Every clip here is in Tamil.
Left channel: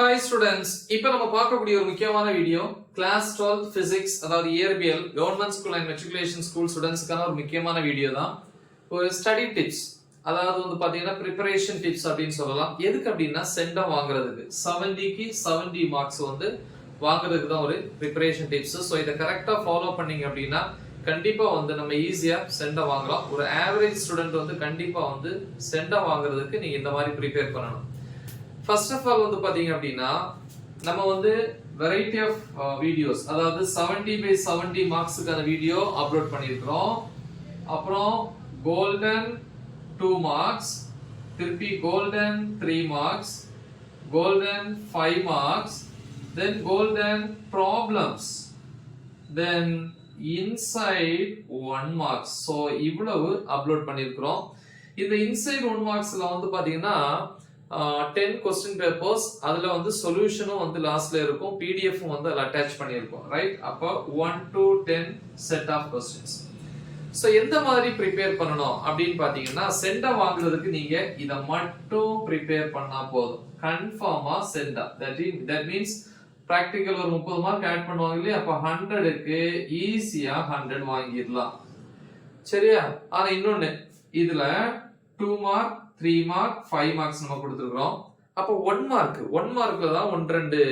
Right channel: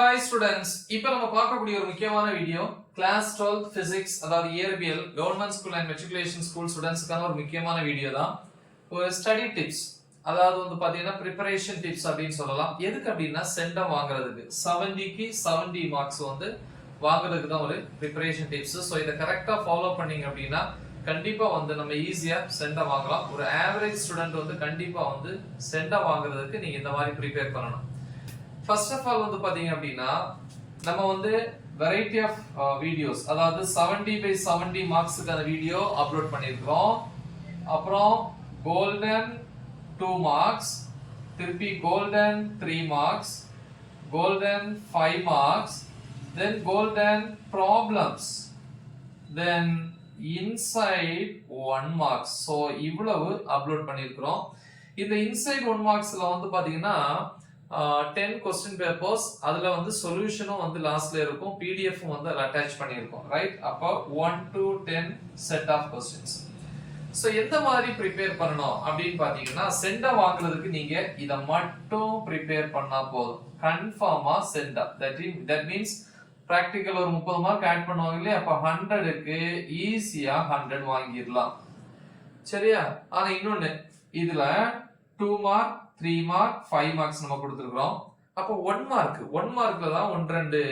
ஹாய் ஸ்டூடெண்ட்ஸ், இப்போ நம்ம பார்க்கக்கூடிய ஒரு முக்கியமான வீடியோ கிளாஸ் 12 பிசிக்ஸ், அதாவது இயற்பியல் government school and matriculation school ஸ்டூடெண்ட்ஸ்க்கான ஒரு முக்கியமான வீடியோ தான். ஒரு ஸ்டடி டிப்ஸ், அதாவது வந்து பாத்தீங்கன்னா ப்ரிப்பரேஷன் டிப்ஸ் அப்படின்னு சொல்லலாம். எதுக்கு அப்படின்னா சென்டம் வாங்குறதுக்கு 70க்கு 70 மார்க்ஸ் வந்து வாங்குறதுக்கு தான் ஒரு ப்ரிப்பரேஷன் டிப்ஸ். ஸோ இதை கரெக்டாக ஃபாலோ பண்ணீங்க அப்படின்னா கண்டிப்பா வந்து நம்ம ஈஸியா சென்டம் வாங்கலாம். ஒரு ஆவரேஜ் ஸ்டூடெண்ட் வந்து கண்டிப்பா வந்து சென்டம் வாங்குறதுக்கு நீங்க இந்த மாதிரி ப்ரிப்பேர் பண்ணணும். ஃபர்ஸ்ட் ஆஃப் ஆல் வந்து பாத்தீங்க அப்படின்னா நம்ம வந்து வெரைட்டி ஆஃப் வீடியோஸ், அதாவது 70/70 மார்க்ஸுக்கான வீடியோ அப்லோட் பண்ணியிருக்கிறோம். அப்புறம் கோல்டன் 2 மார்க்ஸ், திருப்பி கோல்டன் 3 மார்க்ஸ், கோல்டன் 5 மார்க்ஸ், தென் கோல்டன் ப்ராப்ளம்ஸ், தென் இன்சைட் 1 மார்க்ஸ். ஸோ இவ்வளவு அப்லோட் பண்ணியிருக்கிறோம். இந்த இன்சைட் 1 மார்க்ஸ்ல வந்து பாத்தீங்கன்னா 10 கொஸ்டின் பேப்பர்ஸ், அதுல வந்து சொல்யூஷனும் வந்து லாஸ்ட்ல இருக்கும், பிடிஎஃப் வந்து அதுல அட்டாச் பண்ணியிருக்கோம், ரைட்? அப்போ 1 to 10 set of questions. So எந்த மாதிரி ப்ரிப்பேர் பண்ணணும் அப்படின்னு பாத்தீங்கன்னா சென்டம் வாங்குறதுக்கு நீங்க இதை மட்டும் ப்ரிப்பேர் பண்ணா போதும், கன்ஃபார்மா சென்டம். தட் மீன்ஸ் பிராக்டிக்கல் ஒரு 30 மார்க் ஆட் பண்ணுவாங்க இல்லையா, அப்ப 100க்கு ஈஸியா 100 வாங்கிடலாம், சரியா? ஆனா இன்னொன்னு, இதுல 2 மார்க் 3 மார்க் 5 மார்க்ஸ் நம்ம கொடுத்துருக்கிறோம். அப்போ 1 மார்க்ல தான் 1-2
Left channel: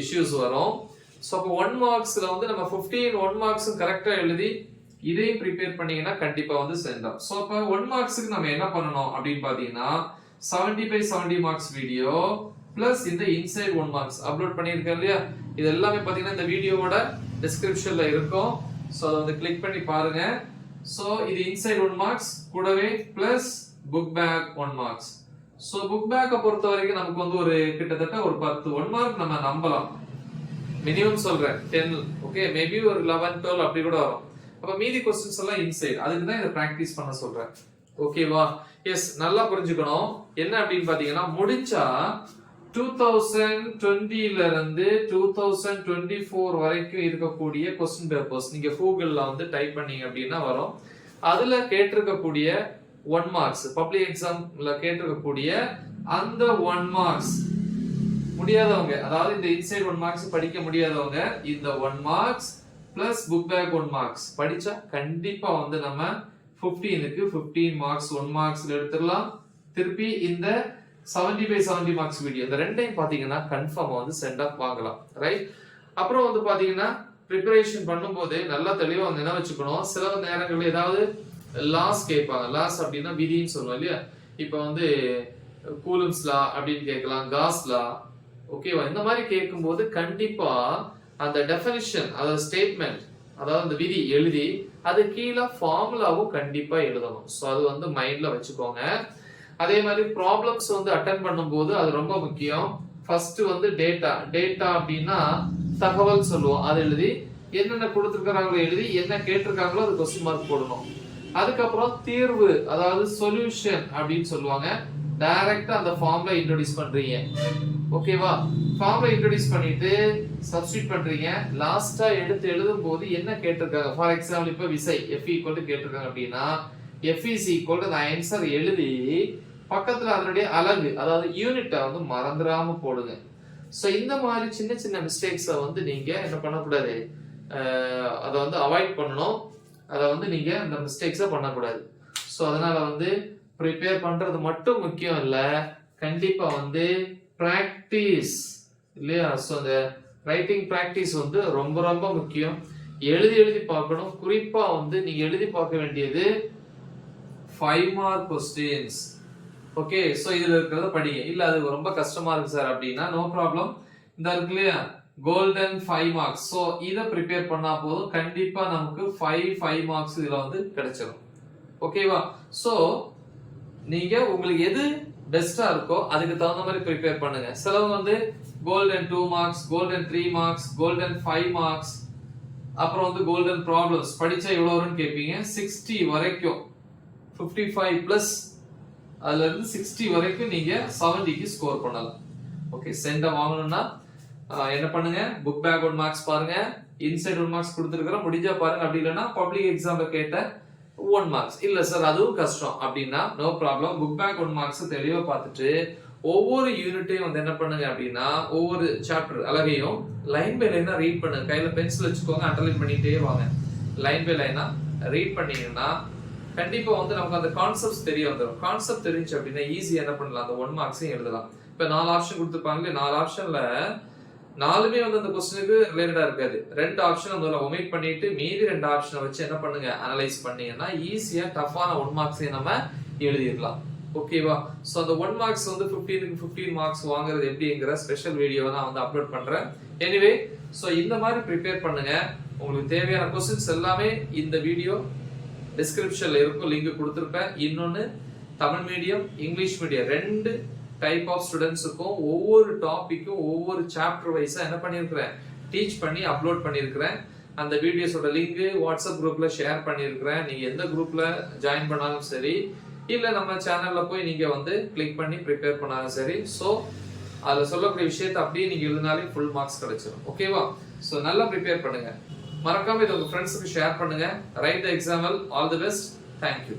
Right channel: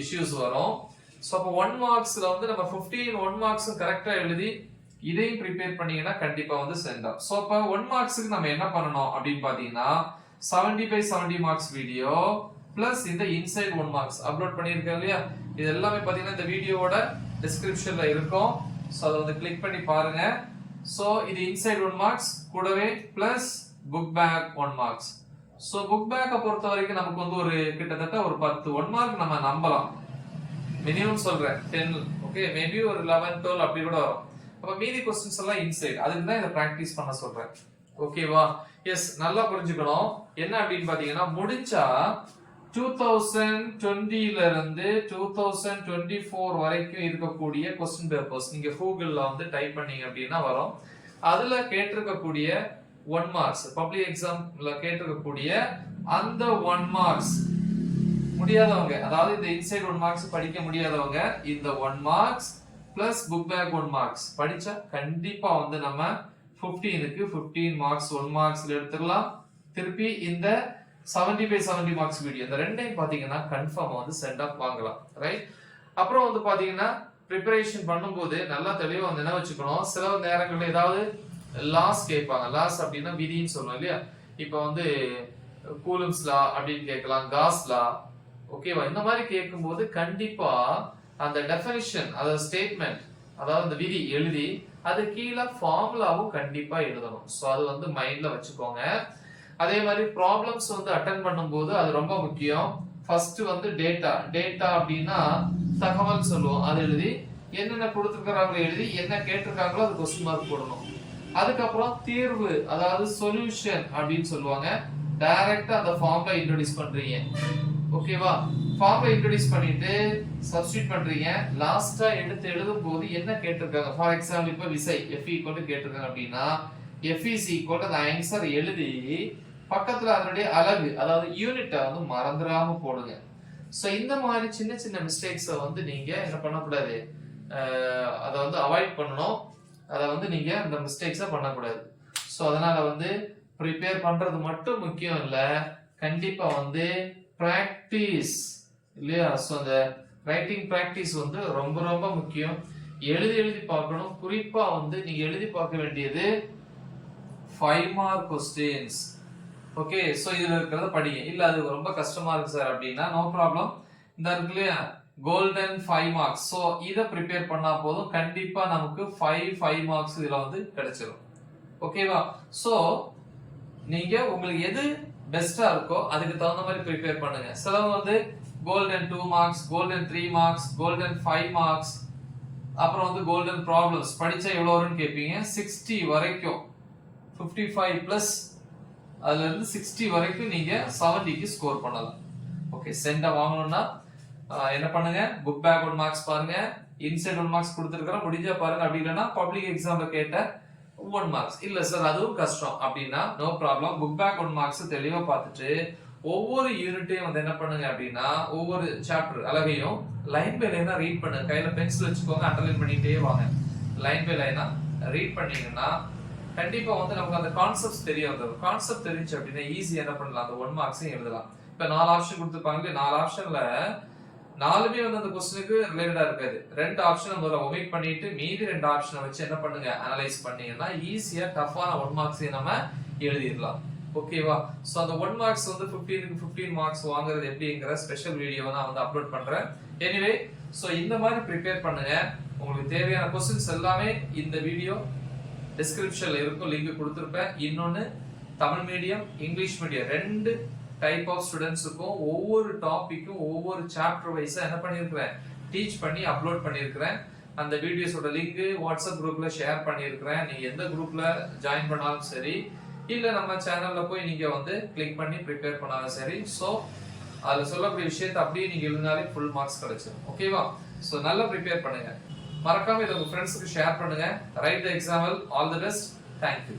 இஷ்யூஸ் வரும். ஸோ அப்போ 1 மார்க்ஸ்ல வந்து நம்ம 15 1 மார்க்ஸும் கரெக்டா எழுதி இதையும் ப்ரிப்பேர் பண்ணீங்கன்னா கண்டிப்பா வந்து சென்டம். ஸோ அப்போ 1 மார்க்ஸுக்கு நம்ம என்ன பண்ணணும் அப்படின்னு பாத்தீங்கன்னா 70/70 மார்க்ஸ் வீடியோ பிளஸ் இந்த இன்சைட் 1 மார்க்ஸ் அப்லோட் பண்ணியிருக்கேன் இல்லையா, இது எல்லாமே பாத்தீங்கன்னா இந்த வீடியோவோட டிஸ்கிரிப்ஷன்ல இருக்கும். ஸோ அதை வந்து கிளிக் பண்ணி பாருங்க. ஸோ இது இன்சைட் 1 மார்க்ஸ் கூடவே plus book back 1 marks. So book பேக்கை பொறுத்த வரைக்கும் நமக்கு வந்து ஒரு கிட்டத்தட்ட ஒரு 10 1 மார்க் நம்ம நம்பலாம், மினிமம் சொல்றேன் 10, ஓகே, மேபி ஒரு 11 12 அப்படி கூட வரும். அப்ப மீதி கொஸ்டின்ஸ் எல்லாம் இன்சைட், அதுக்கு தான் இதை பிராக்டிஸ் பண்ண சொல்றேன், ஓகேவா? எஸ், நல்லா புரிஞ்சுக்கணும். என்ன அப்படின்னு பாத்தீங்கன்னா முடிஞ்சா 2020ல இருந்து 2024 வரைக்கும் இருக்கக்கூடிய கொஸ்டின் பேப்பர்ஸ் நீங்க கூகுள்ல வந்து டைப் பண்ணீங்க அப்படின்னா வரும். அதுல கேட்டிருக்கக்கூடிய 1 மார்க்ஸ், பப்ளிக் எக்ஸாம்ல கேட்டிருக்கக்கூடிய அந்த 1 மார்க்ஸ் முடியாதவங்க, அதாவது இந்த இன்சைட் 1 மார்க்ஸ் படிக்க முடியாதவங்க இந்த 1 marks plus book back 1 marks படிச்சா கண்டிப்பா வந்து நம்ம 15க்கு 15 மார்க்ஸ் 1 மார்க்ஸ்ல எடுத்துடலாம். திருப்பி இந்த 70/70 மார்க்ஸ் வீடியோ, இந்த ரெண்டையும் பாத்தீங்கன்னா கன்ஃபார்மா வந்து சென்ட் ஆஃப் வாங்கலாம், ரைட்? அப்புறம் வந்து பாத்தீங்கன்னா ப்ரிப்பரேஷன் பண்ணும்போது நல்லா தெளிவா வந்து என்ன வச்சுக்கணும், சில நேரங்கள்ல ஏதாவது லாஸ் கேட்பாங்க. லாஸ் அப்படின்னா விதின்னு சொல்லுவோம் இல்லையா, இப்போ வந்து கூலம்ஸ் லா அப்படின்னு கேட்கலாம், காஸ் லா, ஓகேவா? இந்த மாதிரி கேட்கும்போது கண்டிப்பா அந்த டெஃபினிஷன், அதாவது ஸ்டேட்மெண்ட், அதாவது அந்த விதி எழுதி அது கீழே ஃபார்முலாவும் கண்டிப்பா எழுதணும். ஸோ அது வந்து மைண்ட்ல வச்சுக்கோங்க. அதே மாதிரி ப்ராப்ளம்ஸ் வந்து அட்டன் பண்ணும்போது அது ரொம்ப முக்கியம். ஃபர்ஸ்ட் வந்து டேட்டா அப்படின்னா தகவல் சொல்லுவோம், அது எழுதி என்னென்ன கொடுத்துருக்காங்களோ எழுதி என்ன கேட்டிருக்காங்களோ அது கொஸ்டின் மார்க் போடணும். அதுக்கப்புறம் தீர்வு, அதாவது சொல்யூஷன் அப்படின்னு சொல்லுவாங்க, டைரக்டா அந்த ஃபார்ம்ல இன்ட்ரோடியூஸ் பண்றீங்க, ஓகேவா? ஃபார்ம்ல இன்ட்ரோடியூஸ் பண்ணிட்டு சப்ஸ்டிட் பண்றீங்க. லாஸ்டா எடுத்து எழுதும் போது என்ன கேட்டிருக்காங்க, ஃபார் எக்ஸாம்பிள் இப்ப விசை F ஈக்குவல் கேட்டிருக்காங்க அப்படின்னா F is equal to answer எழுதி பக்கத்துல அதனுடைய அலகு, அதாவது யூனிட்டை வந்து மறந்துடாம போடுங்க. சோ இந்த மாதிரி சின்ன சின்ன மிஸ்டேக்ஸை வந்து நீங்க என்ன பண்ணக்கூடாது, அதை வந்து அவாய்ட் பண்ணணும். அதை வந்து நீங்க அந்த மிஸ்டேக்ஸை பண்ணக்கூடாது. ஸோ அதனால வந்து ப்ரிப்பேர் பண்றது மட்டும் முக்கியம் இல்ல, கண்டிப்பா வந்து பிராக்டிஸ் இல்லையா? ஸோ அந்த ரைட்டிங் பிராக்டிஸ் வந்து ரொம்ப ரொம்ப முக்கியம். எழுதி பார்க்கணும். குறிப்பா வந்து நீங்க எழுதி பார்க்க வேண்டியது 5 மார்க் கொஸ்டின்ஸ், ஓகே? ஸோ இதுல இருக்கிறத படிங்க. இல்ல அது ரொம்ப கஷ்டமா இருக்கு சார் அப்படின்னா நோ ப்ராப்ளம், இந்த இருக்கு இல்லையா கோல்டன் 5 மார்க்ஸ். சோ இத ப்ரிப்பேர் பண்ணா போதும், கண்டிப்பா நமக்கு 5 மார்க்ஸ் இதுல வந்து கிடைச்சிரும், ஓகேவா? சோ நீங்க உங்களுக்கு எது பெஸ்டா இருக்கோ அதுக்கு தகுந்த மாதிரி ப்ரிப்பேர் பண்ணுங்க. சிலவங்க வந்து golden 2 marks, golden 3 marks, golden 5 marks, அப்புறம் வந்து கோல்டன் ப்ராப்ளம்ஸ் படிச்சா எவ்வளவு வரும்னு கேட்பீங்க. 60 வரைக்கும், 55 பிளஸ், அதுல இருந்து 60 வரைக்கும் நீங்க 70க்கு ஸ்கோர் பண்ணலாம். ஓகே, சென்ட வாங்கணும்னா என்ன பண்ணுங்க, புக் பேக் 1 மார்க்ஸ் பாருங்க, இன்சைட் 1 மார்க்ஸ் கொடுத்துருக்கிறோம், முடிஞ்சா பாருங்க. அப்படி இல்லைன்னா பப்ளிக் எக்ஸாம்ல கேட்ட 1 மார்க்ஸ், இல்ல சார் அதுவும் கஷ்டம் அப்படின்னா no problem, book back 1 marks தெளிவா பார்த்துட்டு ஒவ்வொரு யூனிட்டையும் வந்து என்ன பண்ணுங்க அப்படின்னா ஒவ்வொரு சாப்டர் அழகையும் லைன் பை லைனா ரீட் பண்ணுங்க. கையில பென்சில் வச்சுக்கோங்க, அண்டர்லைன் பண்ணிட்டே வாங்க. லைன் பை லைனா ரீட் பண்ணீங்கன்னா கண்டிப்பா வந்து நமக்கு அந்த கான்செப்ட்ஸ் தெரிய வந்துடும். கான்செப்ட் தெரிஞ்சு அப்படின்னா ஈஸியா என்ன பண்ணலாம், அந்த 1 மார்க்ஸையும் எழுதலாம். இப்ப 4 ஆப்ஷன் கொடுத்துருப்பாங்களே, 4 ஆப்ஷன்ல 4மே வந்து அந்த கொஸ்டினுக்கு ரிலேட்டடா இருக்காது. 2 ஆப்ஷனை முதல்ல ஒமிட் பண்ணிட்டு மீதி 2 ஆப்ஷனை வச்சு என்ன பண்ணுங்க, அனலைஸ் பண்ணீங்கன்னா ஈஸியா டஃப்பான 1 மார்க்ஸையும் நம்ம எழுதிடலாம். ஓகேவா? சோ அந்த 1 மார்க்ஸ் வந்து 15க்கு 15 மார்க்ஸ் வாங்குறது எப்படிங்கிற ஸ்பெஷல் வீடியோவை நான் வந்து அப்லோட் பண்றேன். எனிவே சோ இந்த மாதிரி ப்ரிப்பேர் பண்ணுங்க. உங்களுக்கு தேவையான கொஸ்டின்ஸ் எல்லாமே இந்த வீடியோ டிஸ்கிரிப்ஷன்ல இருக்கும், லிங்க் கொடுத்திருப்பேன். இன்னொன்னு Tamil medium English medium 2 type of ஸ்டூடெண்ட்ஸுக்கும் ஒவ்வொரு டாபிக்கும் ஒவ்வொரு சாப்டர் வைஸா என்ன பண்ணியிருக்கிறேன், டீச் பண்ணி அப்லோட் பண்ணியிருக்கிறேன். அந்த வீடியோஸோட லிங்க் வாட்ஸ்அப் குரூப்ல ஷேர் பண்ணியிருக்கிறேன். நீங்க எந்த குரூப்ல ஜாயின் பண்ணாலும் சரி, இல்ல நம்ம சேனல்ல போய் நீங்க வந்து கிளிக் பண்ணி ப்ரிப்பேர் பண்ணாலும் சரி. ஸோ அதுல சொல்லக்கூடிய விஷயத்தை அப்படியே நீங்க எழுதினாலே ஃபுல் மார்க்ஸ் கிடைச்சிடும். ஓகேவா? ஸோ நல்லா ப்ரிப்பேர் பண்ணுங்க. மறக்காம இதை உங்க ஃப்ரெண்ட்ஸுக்கு ஷேர் பண்ணுங்க. Right the example. All the best. Thank you.